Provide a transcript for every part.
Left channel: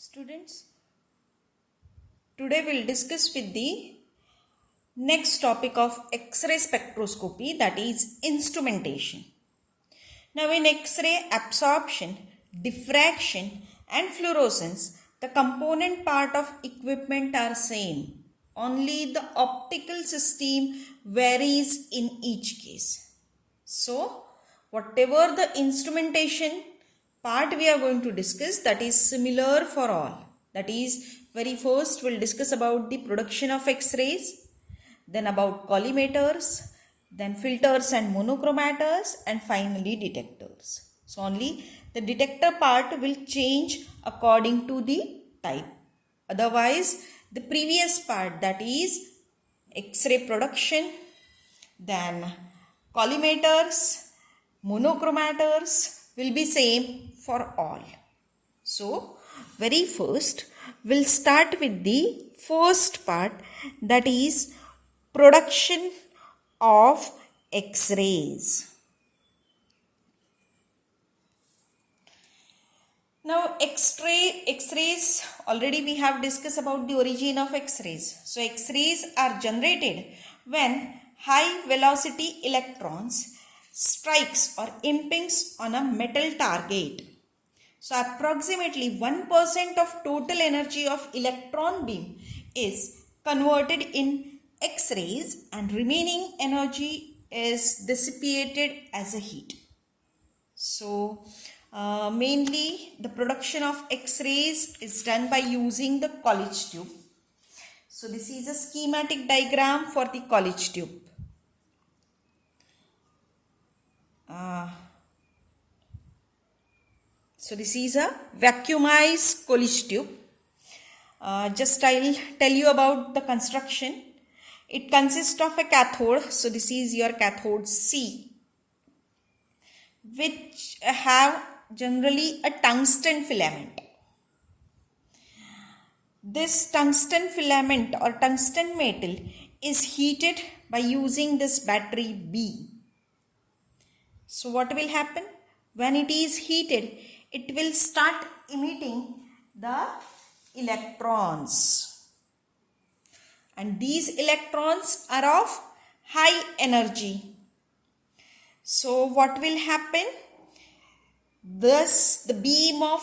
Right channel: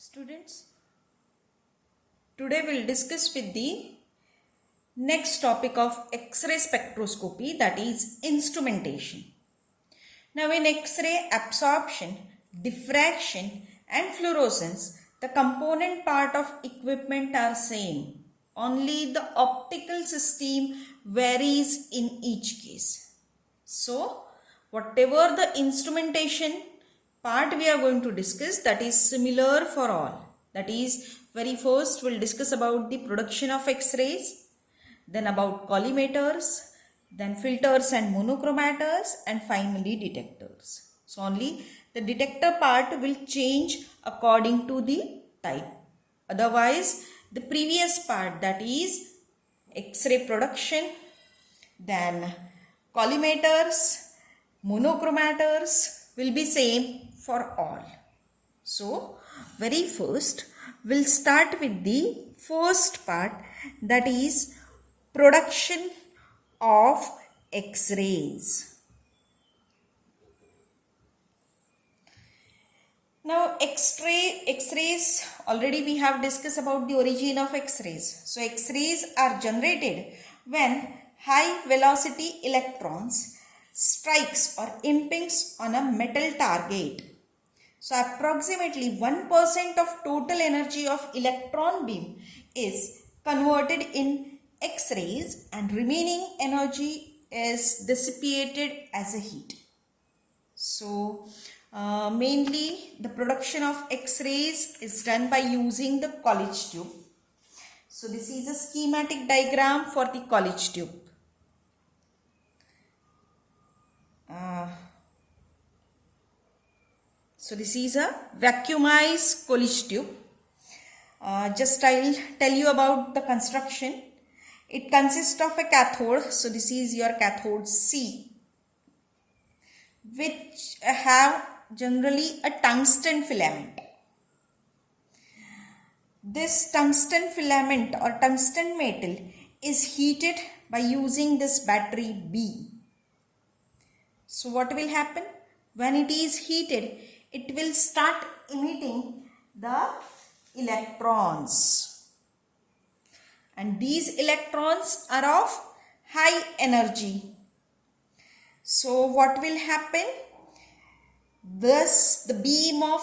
Students, today we'll discuss with the next topic of X-ray spectroscopy, that is instrumentation. Now in X-ray absorption, diffraction and fluorescence, the component part of equipment are same. Only the optical system varies in each case. So, whatever the instrumentation part we are going to discuss, that is similar for all. That is, very first we'll discuss about the production of X-rays, then about collimators, then filters and monochromators, and finally detectors. So only the detector part will change according to the type. Otherwise, the previous part, that is X-ray production, then collimators, monochromators will be same for all. So, very first we'll start with the first part, that is production of X-rays. Now X-rays, already we have discussed about the origin of X-rays. So X-rays are generated when high velocity electrons strikes or impinges on a metal target. So approximately 1% of total energy of electron beam is converted in X-rays and remaining energy is dissipated as a heat. So mainly the production of X-rays is done by using the College tube. So this is a schematic diagram for the College tube. So this is a vacuumized College tube. Just I'll tell you about the construction. It consists of a cathode. So this is your cathode C, which have generally a tungsten filament. This tungsten filament or tungsten metal is heated by using this battery B. So what will happen? When it is heated, it will start emitting the electrons. And these electrons are of high energy. So what will happen? Thus the beam of,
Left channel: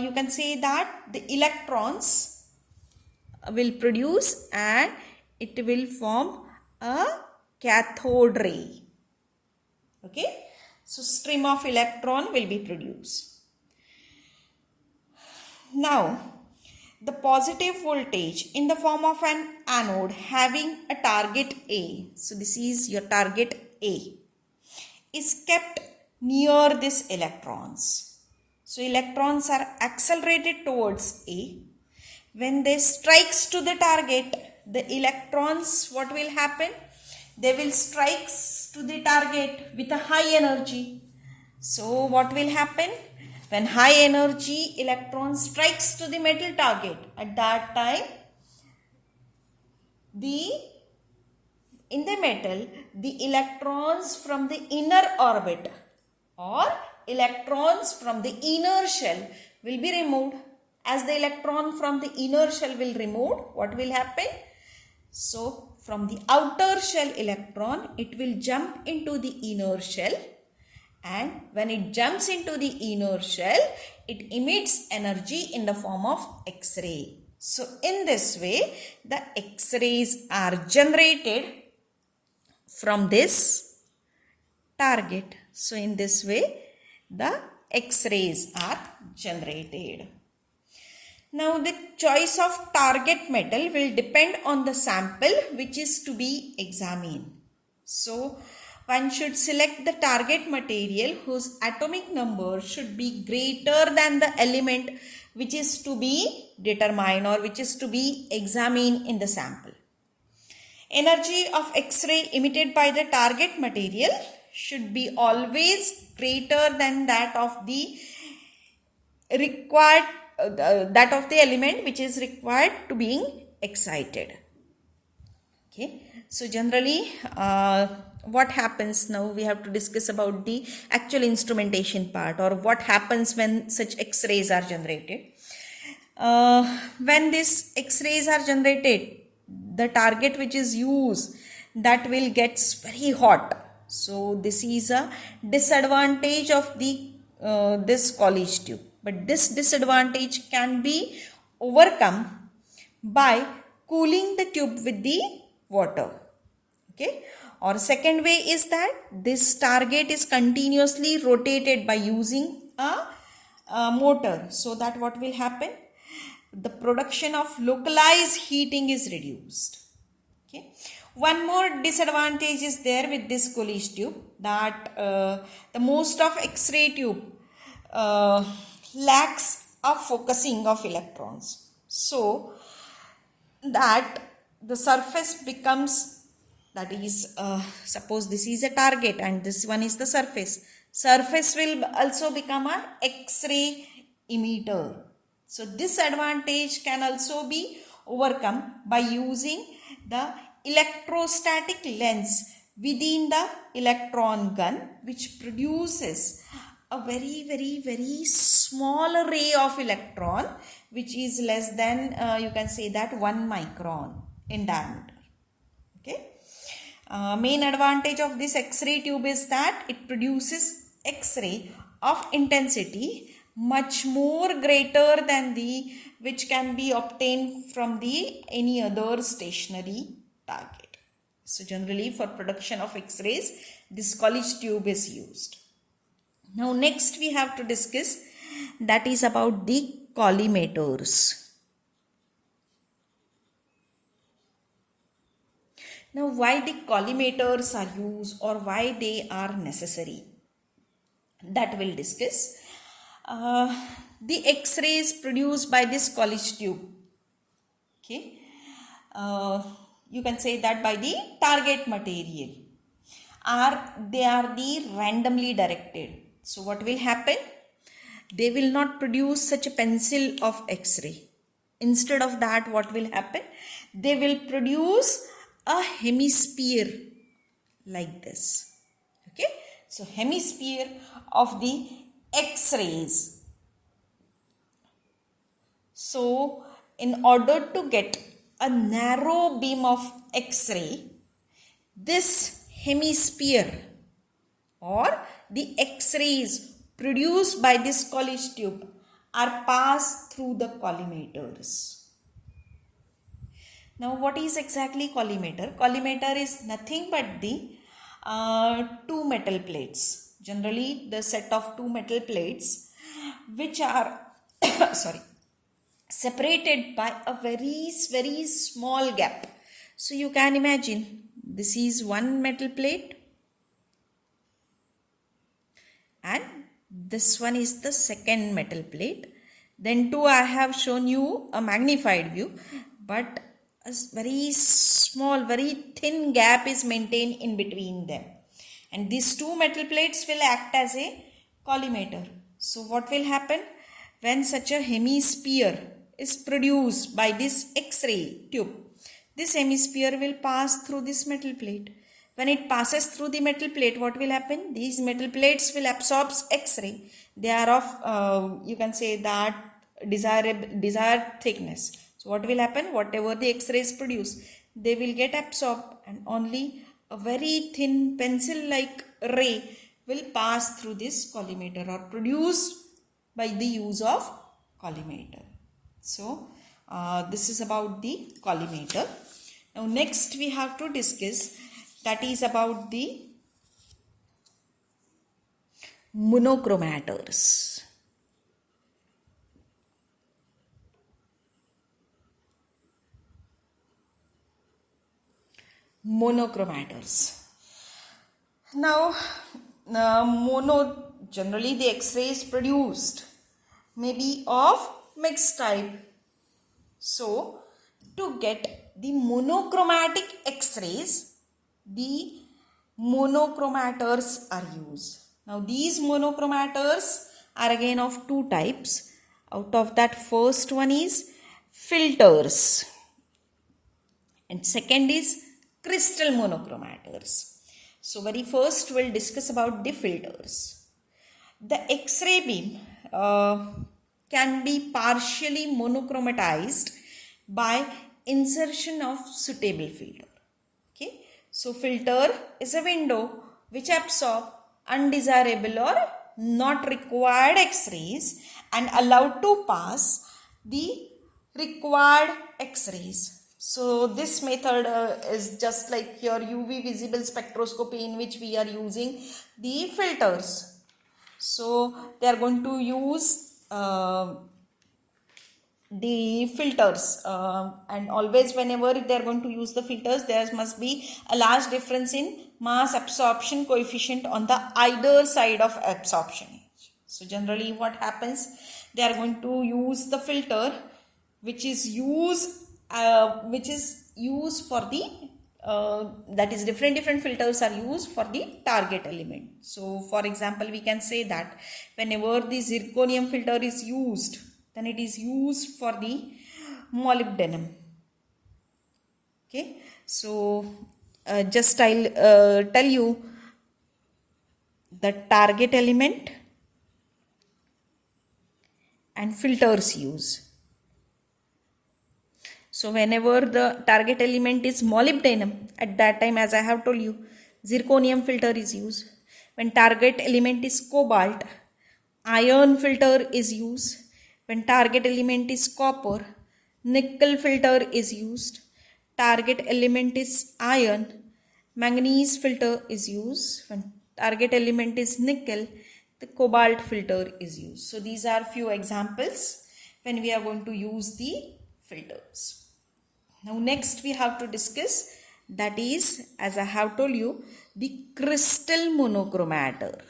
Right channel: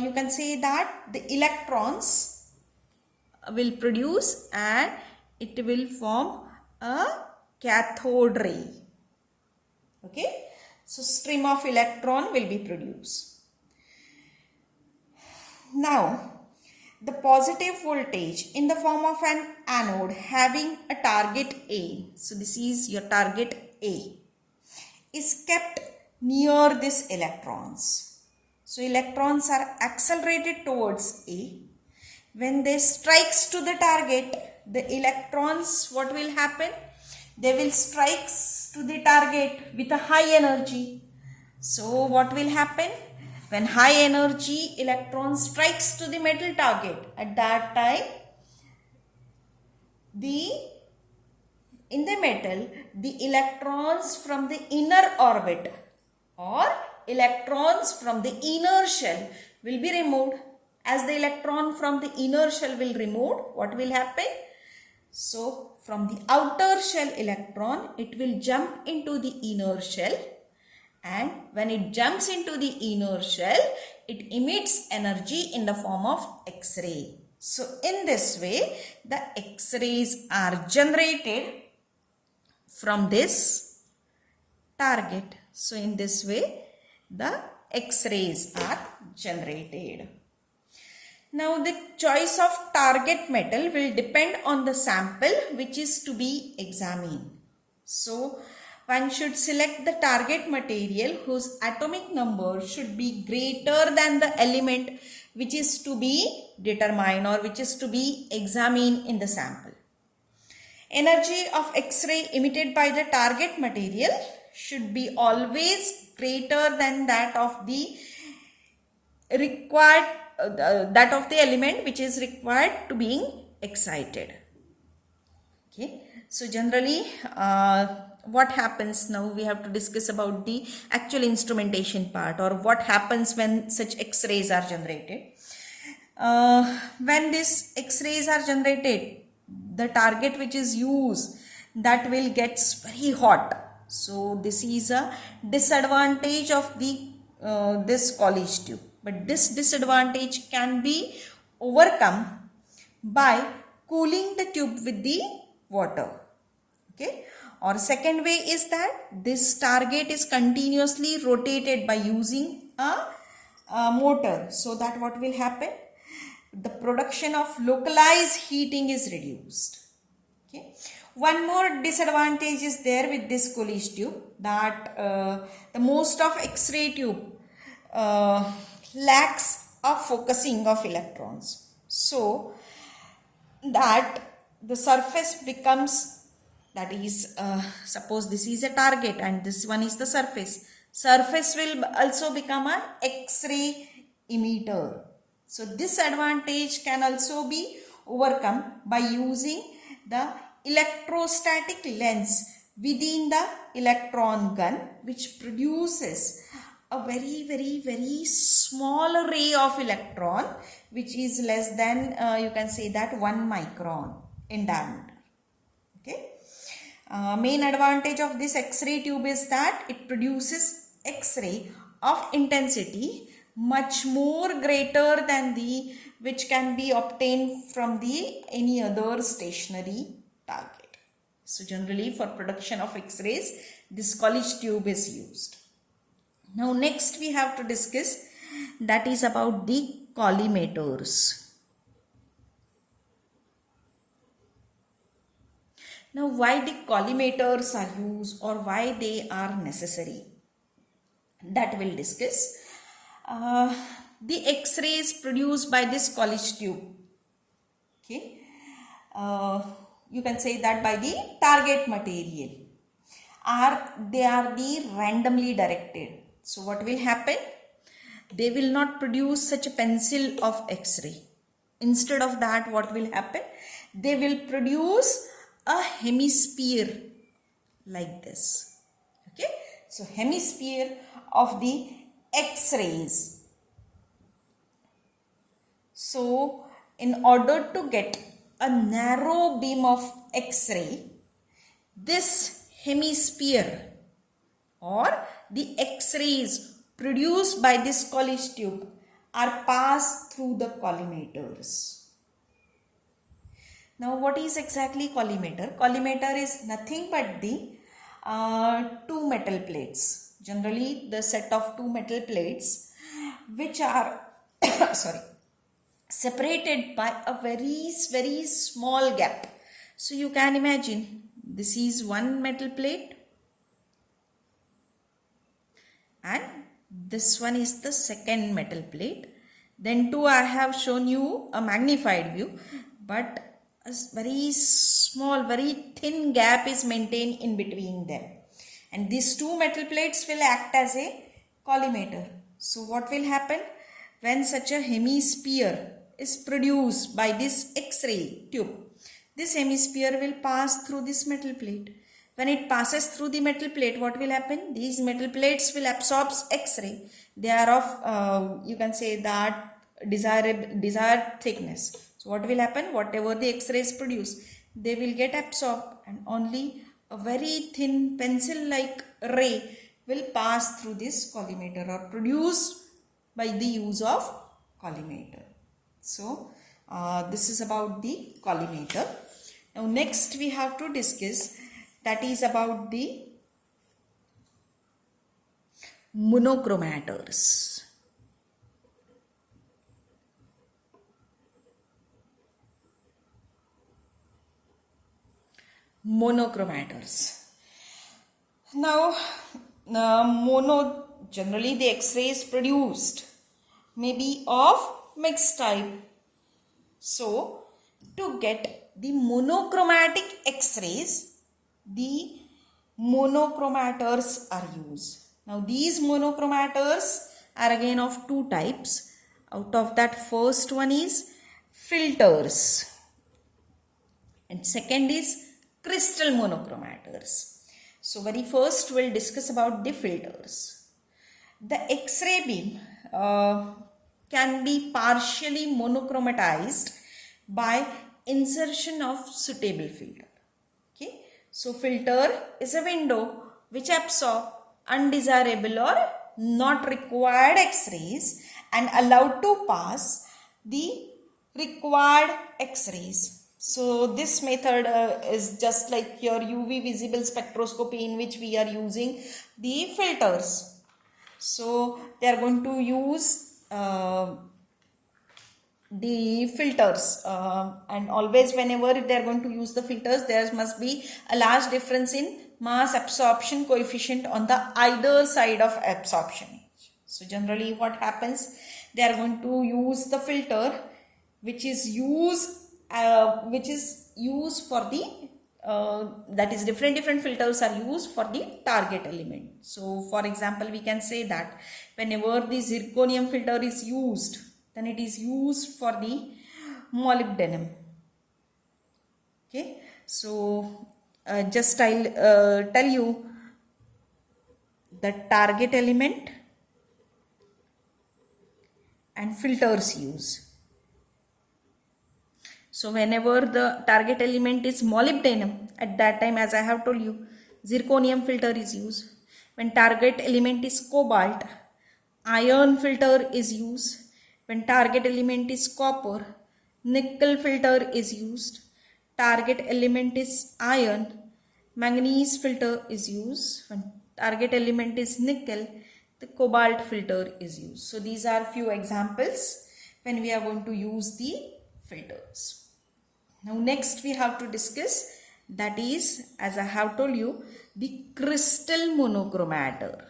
you can say that the electrons will produce and it will form a cathode ray. Okay. So stream of electron will be produced. Now, the positive voltage in the form of an anode having a target A, so this is your target A, is kept near these electrons. So electrons are accelerated towards A. When they strikes to the target, the electrons, what will happen? They will strike to the target with a high energy. So what will happen? When high energy electron strikes to the metal target, at that time in the metal, the electrons from the inner orbit or electrons from the inner shell will be removed. As the electron from the inner shell will remove, what will happen? So from the outer shell electron, it will jump into the inner shell. And when it jumps into the inner shell, it emits energy in the form of X-ray. So in this way, the X-rays are generated from this target. So in this way, the X-rays are generated. Now the choice of target metal will depend on the sample which is to be examined. So one should select the target material whose atomic number should be greater than the element which is to be determined or which is to be examined in the sample. Energy of X-ray emitted by the target material should be always greater than that of the required that of the element which is required to being excited. Okay, so generally what happens now, we have to discuss about the actual instrumentation part, or what happens when such X-rays are generated. when these X-rays are generated, the target which is used, that will gets very hot. So this is a disadvantage of the this college tube. But this disadvantage can be overcome by cooling the tube with the water. Okay. Or second way is that this target is continuously rotated by using a motor. So that what will happen? The production of localized heating is reduced. Okay. One more disadvantage is there with this Coolidge tube, that the most of X-ray tube lacks a focusing of electrons. So that the surface becomes, that is suppose this is a target and this one is the surface. Surface will also become an X-ray emitter. So this advantage can also be overcome by using the electrostatic lens within the electron gun, which produces a very small ray of electron, which is less than you can say that 1 micron in diameter. Okay. Main advantage of this X-ray tube is that it produces X-ray of intensity much more greater than the which can be obtained from the any other stationary target. So generally for production of X-rays, this Coolidge tube is used. Now next we have to discuss, that is about the collimators. Now why the collimators are used or why they are necessary, that we'll discuss. The X-rays produced by this Coolidge tube, okay, you can say that by the target material, they are the randomly directed. So what will happen? They will not produce such a pencil of X-ray. Instead of that, what will happen? They will produce a hemisphere like this. Okay, so hemisphere of the X-rays. So in order to get a narrow beam of X-ray, this hemisphere or the X-rays produced by this Coolidge tube are passed through the collimators. Now what is exactly collimator? Collimator is nothing but the two metal plates. Generally the set of two metal plates which are separated by a very small gap. So you can imagine this is one metal plate and this one is the second metal plate. Then two, I have shown you a magnified view, but a very small, very thin gap is maintained in between them. And these two metal plates will act as a collimator. So what will happen? When such a hemisphere is produced by this X-ray tube, this hemisphere will pass through this metal plate. When it passes through the metal plate, what will happen? These metal plates will absorb X-ray. They are of, you can say that desired thickness. So what will happen? Whatever the X-rays produce, they will get absorbed and only a very thin pencil-like ray will pass through this collimator or produced by the use of collimator. So this is about the collimator. Now next we have to discuss, that is about the monochromators. Monochromators. Now generally the X-rays produced may be of mixed type. So to get the monochromatic X-rays, the monochromators are used. Now these monochromators are again of two types. Out of that, first one is filters and second is crystal monochromators. So very first we'll discuss about the filters. The X-ray beam can be partially monochromatized by insertion of suitable filter. Okay, so filter is a window which absorb undesirable or not required X-rays and allowed to pass the required X-rays. So this method is just like your UV visible spectroscopy, in which we are using the filters. So they are going to use the filters, and always whenever they are going to use the filters, there must be a large difference in mass absorption coefficient on the either side of absorption edge. So generally what happens, they are going to use the filter which is used for the that is different filters are used for the target element. So for example, we can say that whenever the zirconium filter is used, then it is used for the molybdenum. Okay, so just I'll tell you the target element and filters use. So whenever the target element is molybdenum, at that time, as I have told you, zirconium filter is used. When target element is cobalt, iron filter is used. When target element is copper, nickel filter is used. Target element is iron, manganese filter is used. When target element is nickel, the cobalt filter is used. So these are few examples when we are going to use the filters. Now next we have to discuss, that is, as I have told you, the crystal monochromator.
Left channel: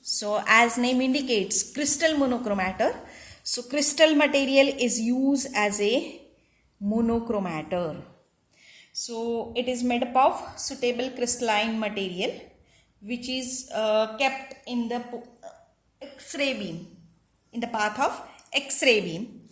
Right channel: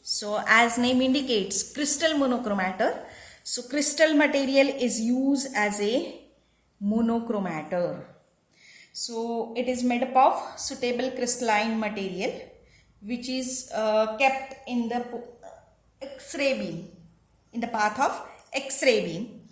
So as name indicates, crystal monochromator. So crystal material is used as a monochromator. So it is made up of suitable crystalline material which is kept in the X-ray beam, in the path of X-ray beam.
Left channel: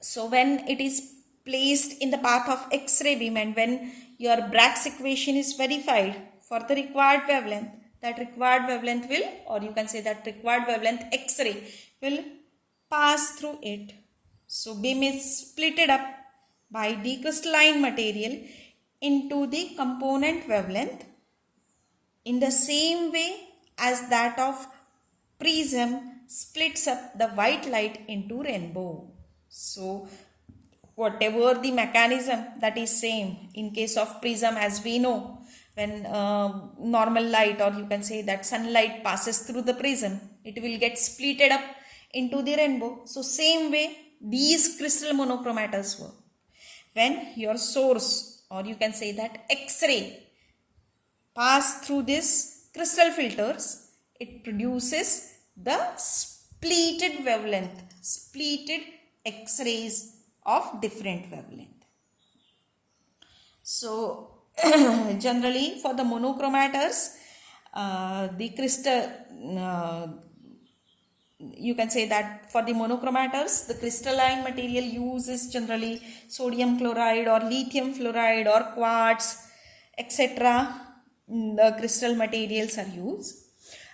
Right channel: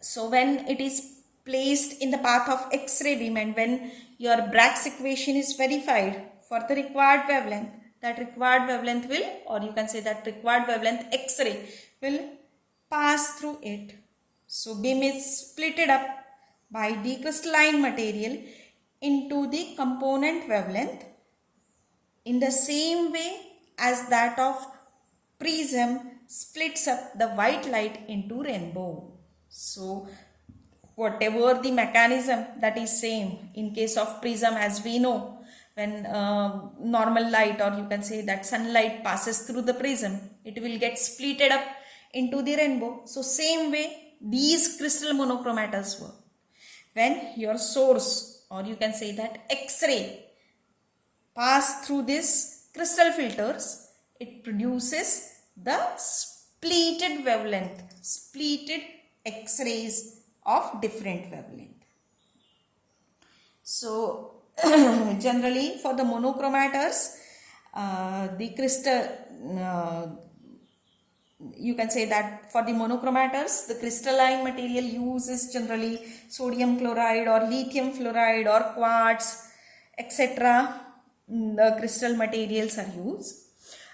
So when it is placed in the path of X-ray beam, and when your Bragg's equation is verified for the required wavelength, that required wavelength will, or you can say that required wavelength X-ray will pass through it. So beam is splitted up by decrystalline material into the component wavelength in the same way as that of prism splits up the white light into rainbow. So whatever the mechanism, that is same in case of prism, as we know, when normal light, or you can say that sunlight, passes through the prism, it will get splitted up into the rainbow. So same way these crystal monochromators work. When your source, or you can say that X-ray, pass through this crystal filters, it produces the splitted wavelength, splitted X-rays of different wavelength. So generally for the monochromators, the crystal, you can say that for the monochromators, the crystalline material used is generally sodium chloride or lithium fluoride or quartz, etc. The crystal materials are used.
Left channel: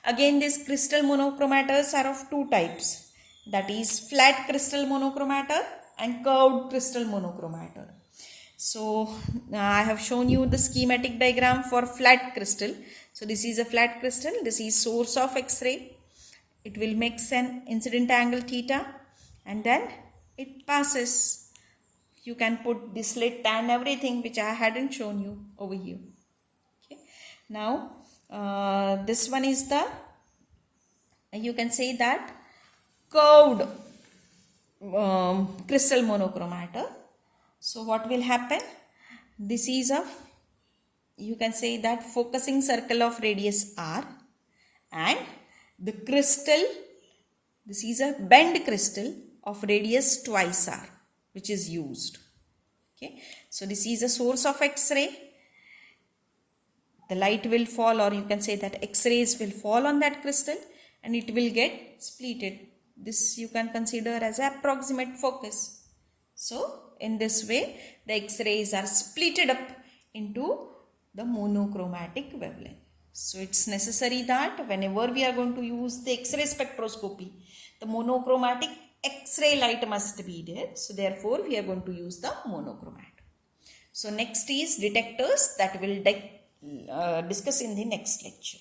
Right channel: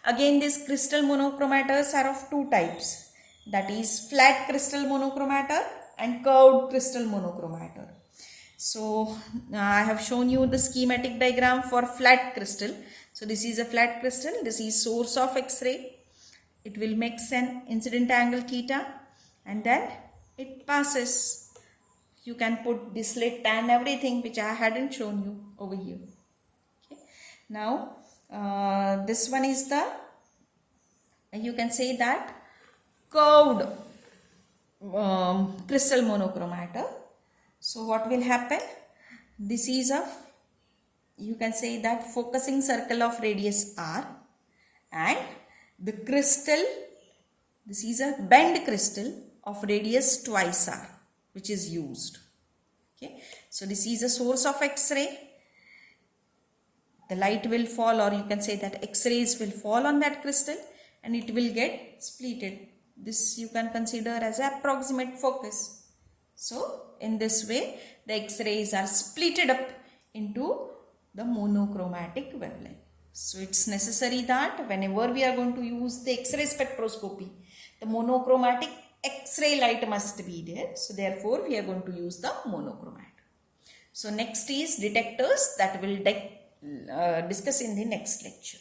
Again, these crystal monochromators are of two types, that is flat crystal monochromator and curved crystal monochromator. So I have shown you the schematic diagram for flat crystal. So this is a flat crystal, this is source of X-ray. It will make an incident angle theta, and then it passes. You can put the slit and everything, which I hadn't shown you over here. Okay. Now this one is the, you can say that, curved crystal monochromator. So what will happen? This is a, you can say that, focusing circle of radius r, and the crystal, this is a bent crystal of radius twice r, which is used. Okay, so this is a source of X-ray. The light will fall, or you can say that X-rays will fall on that crystal and it will get splitted. This you can consider as an approximate focus. So in this way the X-rays are splitted up into the monochromatic wavelength. So it's necessary that whenever we are going to use the X-ray spectroscopy, the monochromatic X-ray light must be there. So therefore we are going to use the monochromat. So next is detectors, that will discuss in the next lecture.